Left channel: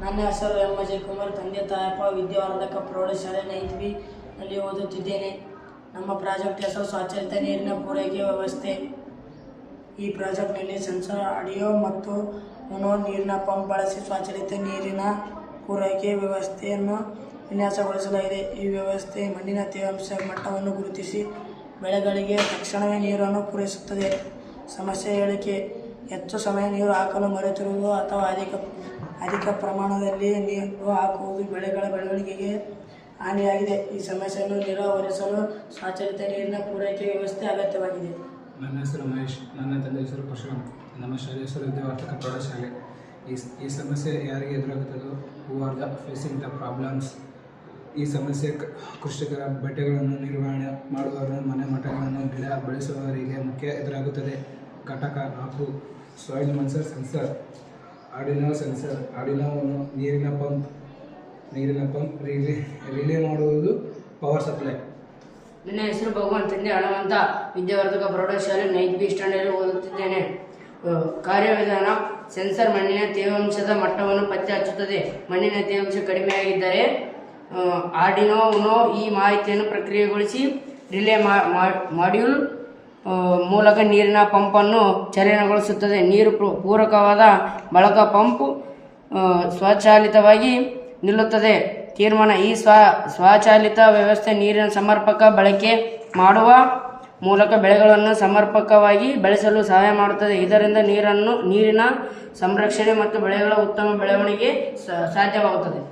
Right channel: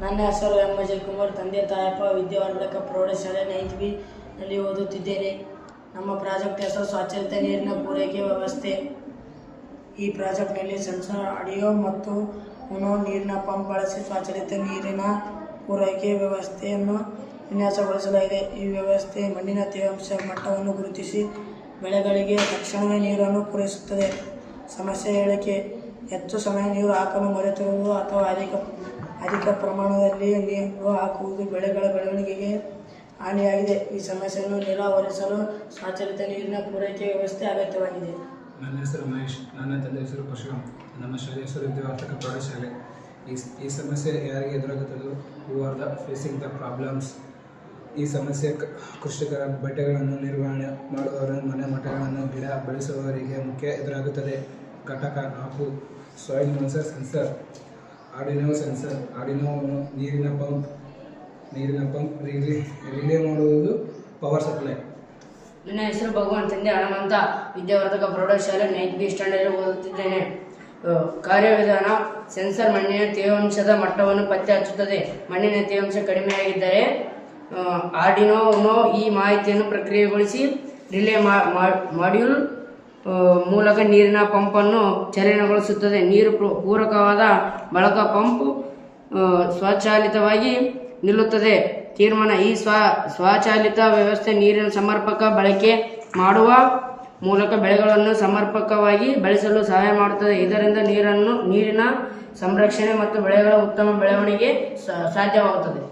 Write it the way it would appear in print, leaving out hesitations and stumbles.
ನನ್ನ ಹೆಸರು ಎಂ ಅಜಯ್ ಕುಮಾರ್. ತಂದೆ ತಾಯಪ್ಪ ವಿದ್ಯಾವರ್ಧಕ ಪ್ರೌಢಶಾಲೆ 9th B ನಲ್ಲಿ ಓದುತ್ತಿದ್ದೇನೆ. ನಮ್ಮ ಪ್ರಾಜೆಕ್ಟ್ ಹೆಸರು ಸ್ವಚ್ಛಾಲಿತ ನೀರಿನ ಪೂರೈಕೆ ವ್ಯವಸ್ಥೆ. ಈ ಪ್ರಾಜೆಕ್ಟ್ನಲ್ಲಿ ಸೆನ್ಸರ್, ಆಡಿಯೋ ಮತ್ತು ಮೊನೋ ನೀರಿನ ಪಂಪ್ ಬಳಸಿ ಸ್ವಚ್ಛಾಲಿತ ನೀರಿನ ಪೂರೈಕೆ ವ್ಯವಸ್ಥೆಯನ್ನು ವಿನ್ಯಾಸಗೊಳಿಸಲಾಗಿದೆ. ಈ ವ್ಯವಸ್ಥೆ ಮಣ್ಣಿನ ತೇವಾಂಶ ಮಟ್ಟವನ್ನು ಗುರುತಿಸಿ ಬೆಳೆಗಳಿಗೆ ತಕ್ಷಣವೇ ನೀರನ್ನು ಪೂರೈಸುತ್ತದೆ. ಸಮಸ್ಯೆ ಹೇಳಿಕೆ: ಹೆಚ್ಚು ಸಮಯ ನೀರು ಹಾಕಲು ಮರೆತಿರುವುದು ಅಥವಾ ಅಧಿಕ ಪ್ರಮಾಣದಲ್ಲಿ ನೀರು ಹಾಕುವುದು ಬೆಳೆಗಳ ಬೆಳವಣಿಗೆಗೆ ಹಾನಿಯಾಗಿದೆ. ಈ ಸಮಸ್ಯೆಯನ್ನು ನಿವಾರಿಸಲು ಸ್ವಚ್ಛಾಲಿತ ನೀರಿನ ಪೂರೈಕೆ ವ್ಯವಸ್ಥೆ ಅಗತ್ಯವಾಗಿದೆ. ನನ್ನ ಹೆಸರು ಮಹೇಶ್. ನನ್ನ ತಂದೆ ಹೆಸರು ಪರಶುರಾಮ್. ನಮ್ಮ ಶಾಲೆ ಹೆಸರು ವಿದ್ಯಾವರ್ಧಕ ಪ್ರೌಢಶಾಲೆ. ಈ ಸಮಸ್ಯೆ ಯಾರಿಗೆ ಎದುರಾಗುತ್ತದೋ who are the facing the problems. ಈ ಸಮಸ್ಯೆ ಕೃಷಿಕರ ಬೆಳೆಗಳನ್ನು ನಿರ್ವಹಣೆ ಮಾಡುವವರು, ಮನೆ ಮಠಗಳನ್ನು ಗಿಡ ಬೆಳೆಸುವವರಿಗೆ ಮುಖ್ಯ ಎದುರಾಗುತ್ತದೆ. ಘಟಕ 4: soil moisture sensor. Arduino sensor. ಆರ್ಡಿನೋವನ್ನು ನೀರಿನ ಪಂಪ್ ರಿಲೇ ಮಾಡುವುದು ಪವರ್ ಸಪ್ಲೈ. ನನ್ನ ಹೆಸರು ಭಗವಾನ್. ತಂದೆ ಹನುಮಂತ. ವಿದ್ಯಾವರ್ಧಕ ಪ್ರೌಢಶಾಲೆ 9th B ಸ್ಟ್ಯಾಂಡರ್ಡ್ ಓದುತ್ತಿದ್ದೇನೆ. ಕಾರ್ಯವಿಧಾನ: ಸೆನ್ಸರ್ ಮಣ್ಣಿನ ತೇವಾಂಶದ ಮಟ್ಟವನ್ನು ಪತ್ತೆ ಹಚ್ಚುತ್ತದೆ. ಮಣ್ಣಿನ ತೇವಾಂಶ ಕಡಿಮೆಯಾಗಿದ್ದರೆ ಆರ್ಡಿನೋ ಉನೋ ಈ ಮಾಹಿತಿಯನ್ನು ಪ್ರಕ್ರಿಯೆಗೊಳಿಸಿ ರಿಲೇ ಮಾಡ್ಯೂಲ್ ಮೂಲಕ ನೀರಿನ ಪಂಪನ್ನು ಚಾಲನೆಗೊಳಿಸುತ್ತದೆ. ನೀರು ಪೂರಕವಾದ ಬಳಿಕ ಪಂಪ್ ಸ್ವಚಾಲಿತವಾಗಿ ನಿಲ್ಲುತ್ತದೆ. ತೀರ್ಮಾನ: ಈ ಸ್ವಚಾಲಿತ ವ್ಯವಸ್ಥೆ ನೀರಿನ ಸಮರ್ಪಕ ಬಳಕೆ ಮಾಡುವ ಮೂಲಕ ಬೆಳೆಗಳನ್ನು ಸಮರ್ಪಕವಾಗಿ ಬೆಳೆಸಲು ಸಹಾಯ ಮಾಡುತ್ತದೆ. ಇದರಿಂದ ನೀರಿನ ಸಂರಕ್ಷಣೆ ಮತ್ತು ಬೆಳೆಗಳ ಉತ್ತಮ ಬೆಳವಣಿಗೆ ಸಾಧ್ಯವಾಗುತ್ತದೆ.